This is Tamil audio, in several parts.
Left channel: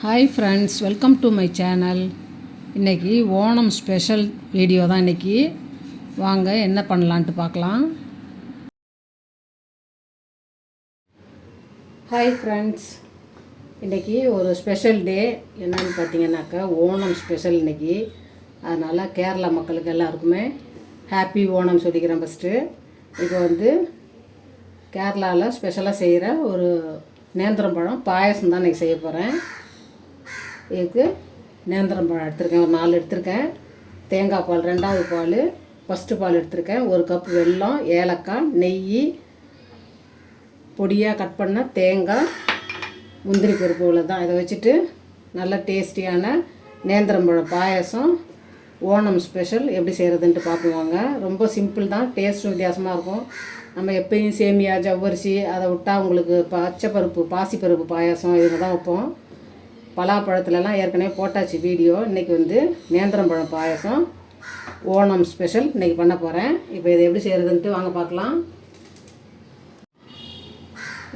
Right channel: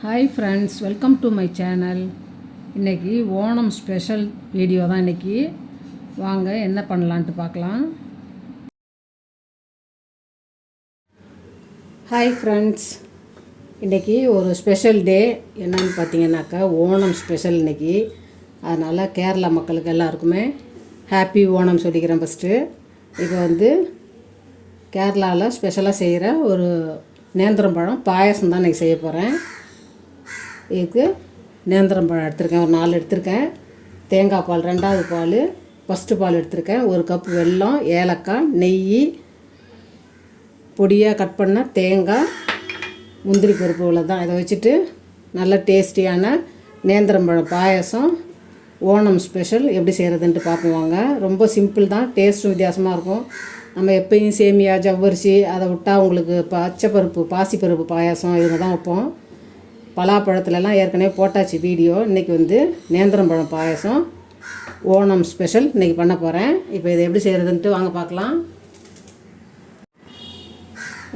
Hi friends welcome to my channel இன்றைக்கி ஓணம் ஸ்பெஷல் வீடியோ தான் இன்றைக்கி வாங்க என்ன பண்ணலான்ட்டு பார்க்கலாம். ஹாய் ஃப்ரெண்ட்ஸ் இன்றைக்கி ஒரு ஸ்பெஷல் டே என்னென்னு பார்த்தீங்கன்னாக்கா ஓணம் ஸ்பெஷல் இன்றைக்கி அதனால் கேரளா மக்களுக்கு எல்லாருக்குமே ஹாப்பி ஓணம் சொல்லிக்கிறேன் ஃபஸ்ட்டு இப்போ வந்து கேரளாவில் ஸ்பெஷலாக செய்கிற ஒரு நேந்திரம் பழம் பாயசம் தான் இன்றைக்கி செய்ய போகிறேன் இதுக்கு நேந்திரம் பழம் எடுத்திருக்கேன் ஒரு நாலு எடுத்திருக்கேன். தேங்காய் பால் ரெண்டாவது பால் ஃபஸ்ட்டு பால் எடுத்திருக்கேன். ஒரு கப் வெல்லம் ஏலக்காய் நெய் பொடியாக கட் பண்ண தேங்காய் முந்திரி பருப்பு இவ்வளோ தான் இதை வச்சுட்டு நல்ல டேஸ்டியான நேந்திரம் பழம் பாயாசம் ஓணம் ஸ்பெஷல் எப்படி செய்கிறதுன்ட்டு பார்க்குவாங்க ரொம்ப சிம்பிள் தான் டேஸ்ட்டும் வித்தியாசமாக இருக்கும். நம்ம எப்பயும் சேமியா ஜவ்வரிசி அதை விட்டால் உங்களுக்கு பச்சைப்பருப்பு பாசிப்பருப்பு பாயாசம் இதில் தான் வைப்போம். பலாப்பழத்துலலாம் ஏற்கனவே போட்டாச்சு வீடியோ. இன்றைக்கி வந்து நேந்திரம்பழம் பாயசம். ஓணம் ஸ்பெஷல் இன்றைக்கி பண்ண போகிறேன் இப்போ இதை எப்படி செய்கிறதுன்ட்டு வாங்க பார்க்கலாம்.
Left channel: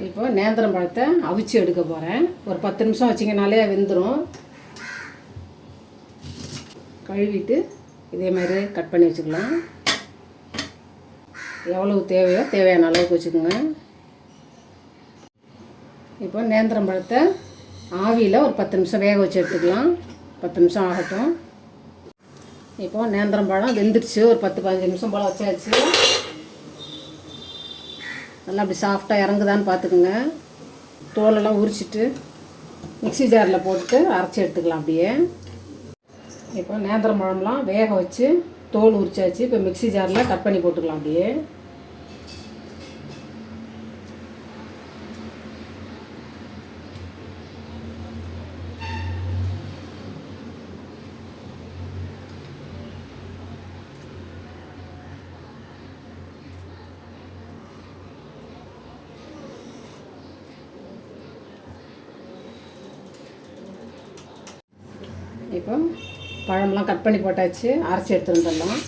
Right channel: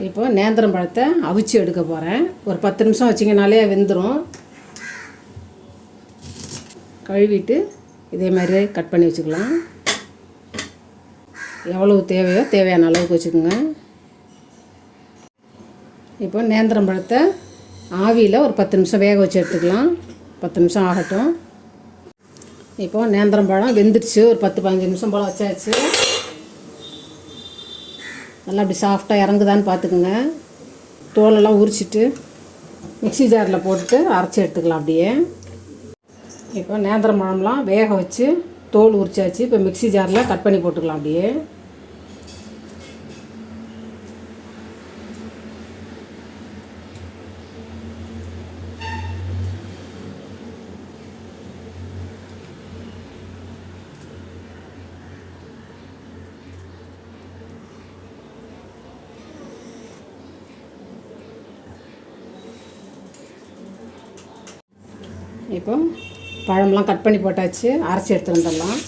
இப்போ நேந்திரம் பழத்தை அவிச்சு எடுக்க போகிறேன் ஒரு பத்து நிமிஷம் வச்சிங்கனாலே வெந்துடும் கழுவிட்டு இதே மாதிரி கட் பண்ணி வச்சுக்கலாம். எவ்வளவு தேவையோ தேவையான அளவுக்கு வச்சுக்கோங்க. இப்போ நேந்திரம் பழத்தை ஆவியில் ஒரு பத்து நிமிஷம் வேக வச்சு எடுத்துக்கலாம். பத்து நிமிஷம் ஆகட்டும். இப்போ நேந்திரம் பழம் வெந்துடுச்சு. ஒரு பத்து பதினஞ்சு நிமிஷம் போல் வச்சாச்சு. நல்லா அப்படி சாஃப்டாக இறங்குதான்னு பார்த்துக்குங்க. தோலெல்லாம் உரிச்சிட்டு மிக்ஸி ஜாரில் போட்டு அரைச்சி எடுத்துக்கலாம் அப்படியே. இப்போ நேந்திரம் பழம்லாம் வேக வச்சு தோல் உரிச்சாச்சு. இப்போ மிக்ஸி ஜாரில் கட் பண்ணி போட்டுக்கலாம் அப்படியே. இப்போ பழம்லாம் கட் பண்ணி போட்டாச்சு அரைச்சி எடுத்து வந்துடலாம்.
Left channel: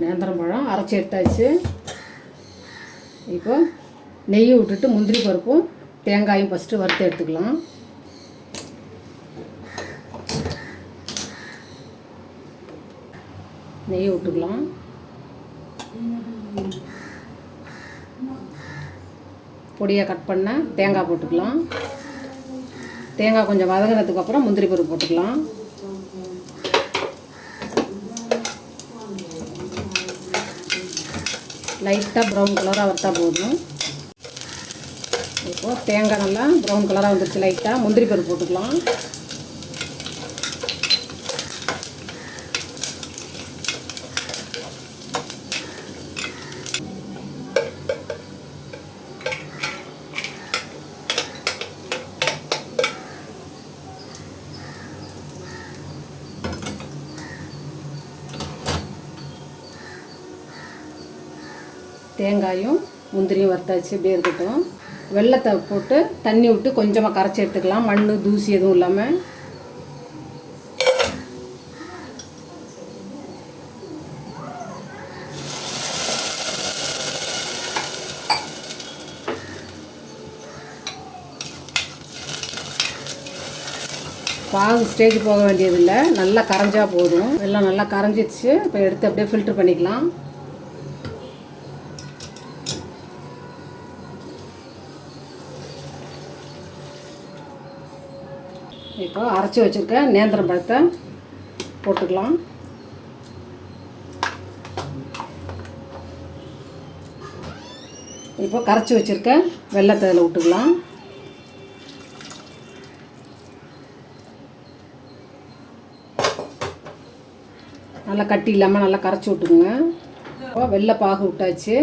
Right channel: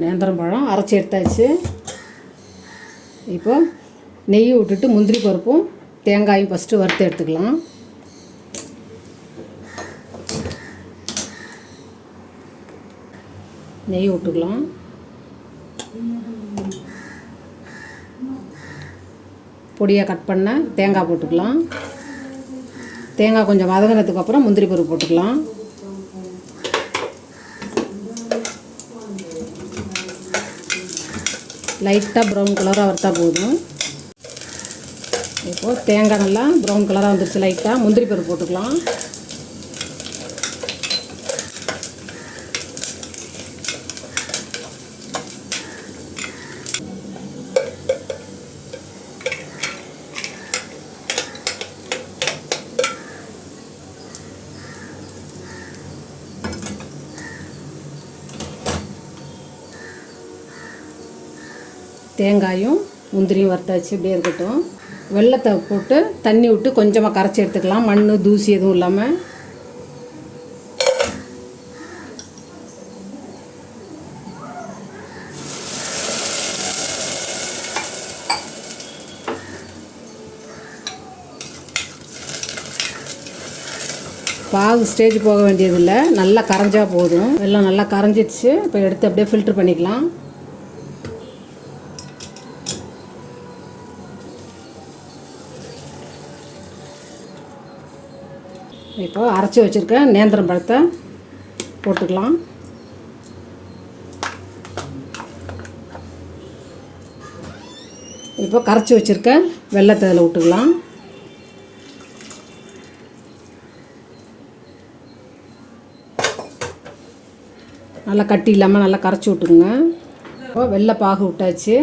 நேந்திரம் பழம் அரைச்சி எடுத்தாச்சு. இப்போ நெய் விட்டுட்டு முந்திரி பருப்பும் தேங்காயும் ஃபஸ்ட்டு வறுத்து எடுத்துக்கலாம். நெய் விட்டுக்கலாம். பொடியாக கட் பண்ண தேங்காய் போட்டுக்கலாம். தேங்காய் கொஞ்சம் வதங்கினதுக்கு அப்புறம் முந்திரி பருப்பு போட்டுக்கலாம். லைட்டாக ப்ரௌன் கலராக வறுத்தா போதும். இப்போது தேங்காய் நல்லா ப்ரௌன் கலராக வந்துருச்சு லைட்டாக முந்திரி பருப்பு போட்டுக்கலாம். தேங்காயும் முந்திரியும் வறுத்தாச்சு. இப்படியே இருக்கட்டும். வெள்ளத்தை போட்டு தண்ணி விட்டு கொஞ்சமாக கரைச்சி எடுத்துக்கலாம். மண் தூசி எதுவும் இல்லாமல் பாகு ஸ்டேஜ் போக வேண்டியதில்லை. நல்லா கரைஞ்சா போதும். வெள்ளம் நல்லா கரைஞ்சிடுச்சு. இப்போ எடுத்து அப்படியே ஃபில்ட்ரு பண்ணிக்கலாம். இப்போ அரைச்சி வச்சுருக்க நேந்திரம் பழத்தை போட்டுக்கலாம். இப்போ கரைச்சி வச்சுருக்க வெள்ளத்தை அதில் விட்டுக்கலாம். நல்லா கட்டி இல்லாமல் நல்லா கரைச்சி விட்டுக்குங்க. இப்போ வெள்ளை பாகு விட்டாச்சு.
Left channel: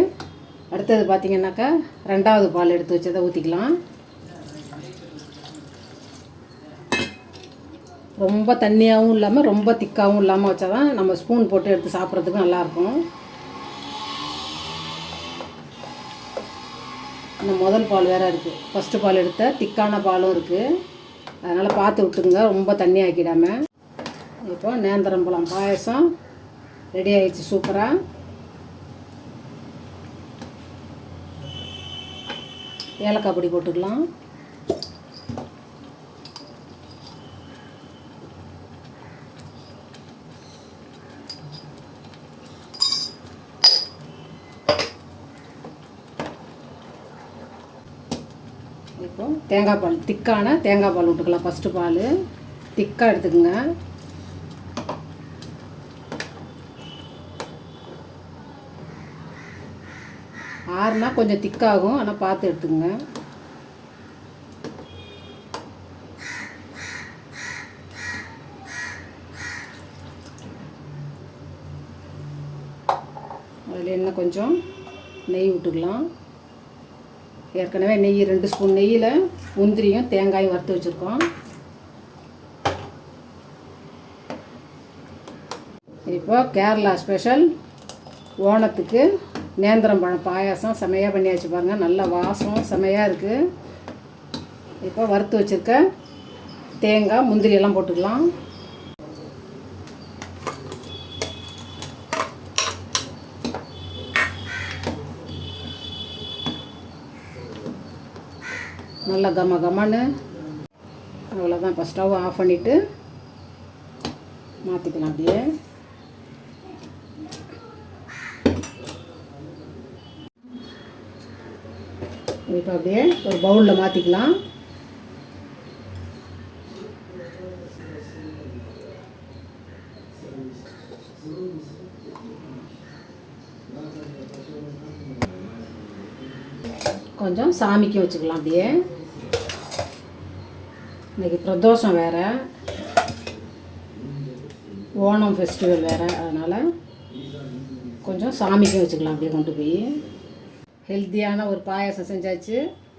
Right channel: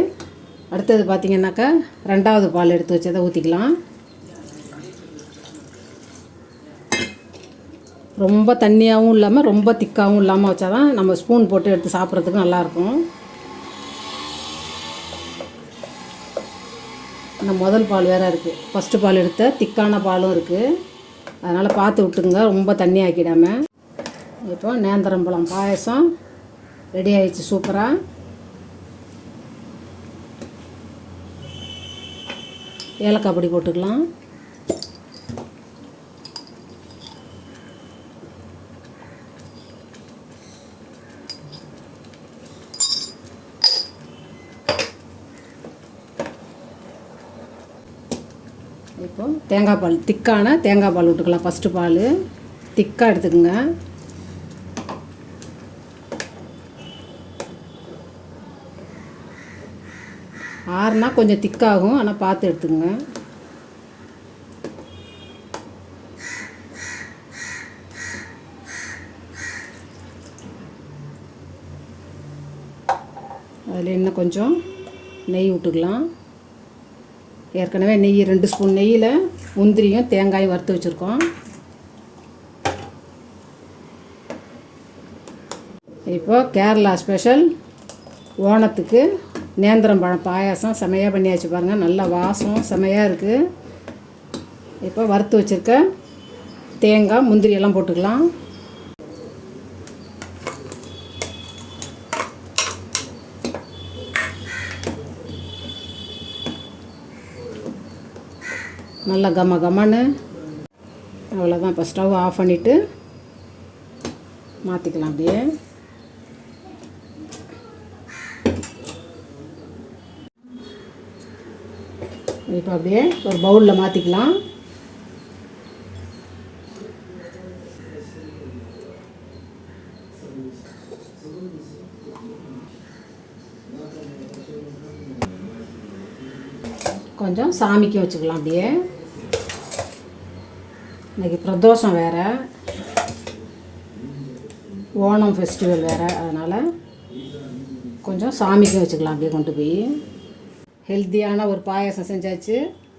அடுத்தது பார்த்திங்கனாக்கா ரெண்டாவது பால் எடுத்து வச்சதை ஊற்றிக்கலாம் ரொம்ப தண்ணியாகவும் இல்லாமல் ரொம்ப திக்காகவும் இல்லாமல் வச்சா தான் நம்ம ஸ்பூன் போட்டு எடுத்து சாப்பிட்றதுக்கு நல்லாயிருக்கும். இந்த முதல் பால் வேறு இருக்குது ஃபஸ்ட்டு பால் எடுத்த திக்கான பாலும் இருக்குது அதனால் பார்த்து விட்டுங்க ரொம்ப தண்ணி ஆக்கிடாமல் இப்போ நேந்திரம்பழம் பாயசம் ரெடி ஆயிடுச்சு சூப்பராக ஏலக்காய் பொடி போட்டுக்கலாம். தேங்காய் பால் திக்கான தேங்காய் பால் விட்டுக்கலாம். ஃபஸ்ட்டு பால். திக்காக எடுத்துக்கோங்க. ஆறுனா கொஞ்சம் திக்காகும். ஆனால் பார்த்து எடுத்துக்கோங்க. அதில் இன்னும் கொஞ்சம் நெய் விட்டுக்கலாம். ஏற்கனவே நெய் ரெண்டு ஸ்பூன் நெய்யில் முந்திரியும் தேங்காயும் வறுத்து வச்சுருக்கோம். இப்போ கேரளா ஸ்பெஷல் ஓணத்துக்கு நேந்திரம் பழம் பாயாசம். செமையாக பண்ணியாச்சு பாருங்கள் நல்ல வாசம் செமையாக இருக்குது இப்போ வறுத்து வச்சுருக்க தேங்காய் முந்திரியெல்லாம் போட்டுக்கலாம். நல்லா கம கமன்னு. அவ்வளோதான் இப்போ ஸ்டவ் ஆஃப் பண்ணிவிட்டு மாற்றிக்கலாம் அப்படியே. இப்போ அப்படியே ஒரு பவுலில் மாற்றிக்கலாம் கொஞ்சம் சாமிக்கு வச்சுக்கலாம் அப்படியே. இன்றைக்கி பிரதோஷம் வேறு. ஓணம் ஃபெஸ்டிவல் வேறு அதனால் கொஞ்சம் சாமிக்கு வச்சுக்கலாம் அப்படியே கொண்டு போய். ஹெல்த்தியான ஒரு பாயாசம் செஞ்சாச்சு.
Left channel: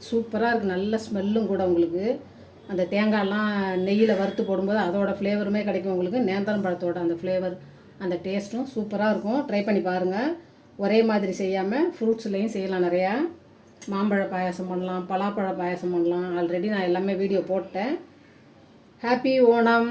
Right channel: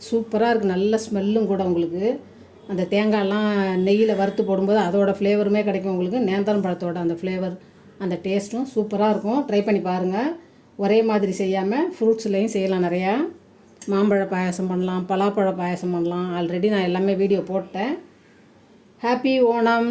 சூப்பராக இருக்குது நல்ல ஸ்மெல்லும் கூட உங்களுக்கு. அந்த தேங்காயெல்லாம் நெய்யில் வறுத்து போடும்போது அதோட ஃப்ளேவருமே கிடைக்கும் உங்களுக்கு. நேந்தரம் பழத்தோட அந்த ஃப்ளேவர் அந்த டேஸ்ட்டும் சூப்பராக இருக்கும். ட்ரை பண்ணி பாருங்கள் ஒரே மாதிரி செய்யாமல் ஃப்ரூட்ஸ்லேயும் செய்யலாம் நிறையா. மாம்பழ பாயாசம் பண்ணலாம் பலாப்பழ பாயாசம் பண்ணலாம். ஆல்ரெடி நான் எல்லாமே வீடியோ போட்டேன். ஹாப்பி ஓணம்